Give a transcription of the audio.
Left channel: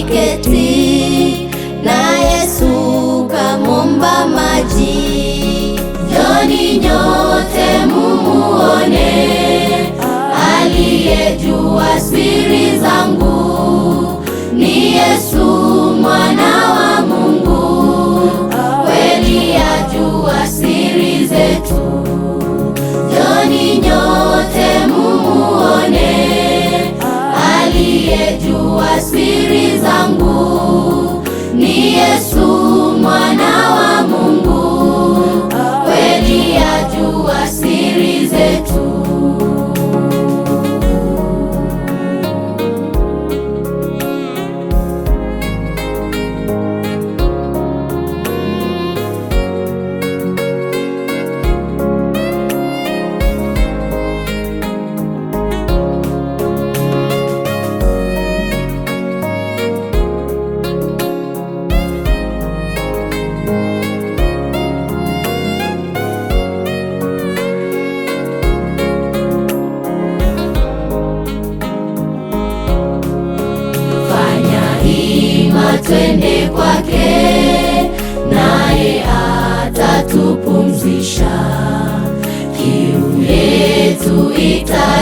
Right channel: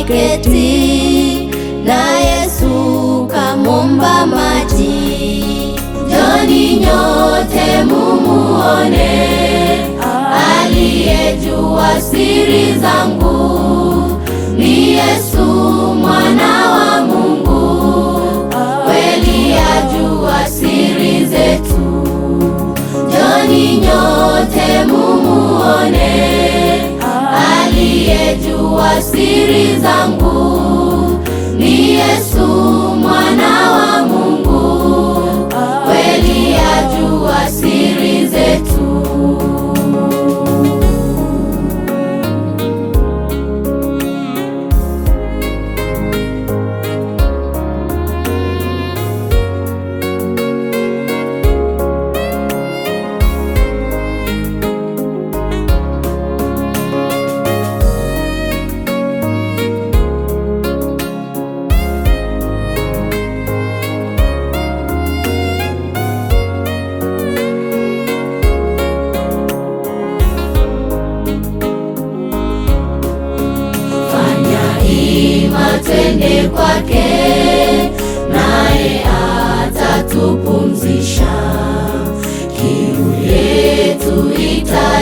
ameketi, na Yesu kamwomba maji. Njoni nyote mumuone, aliyejua siri zangu, ni Yesu mwana wa Mungu, kweli ajua siri zetu. Njoni nyote mumuone, aliyejua siri zangu, ni Yesu mwana wa Mungu, kweli ajua siri zetu. Twende kwake, naye atatupumzisha, kiu yetu ita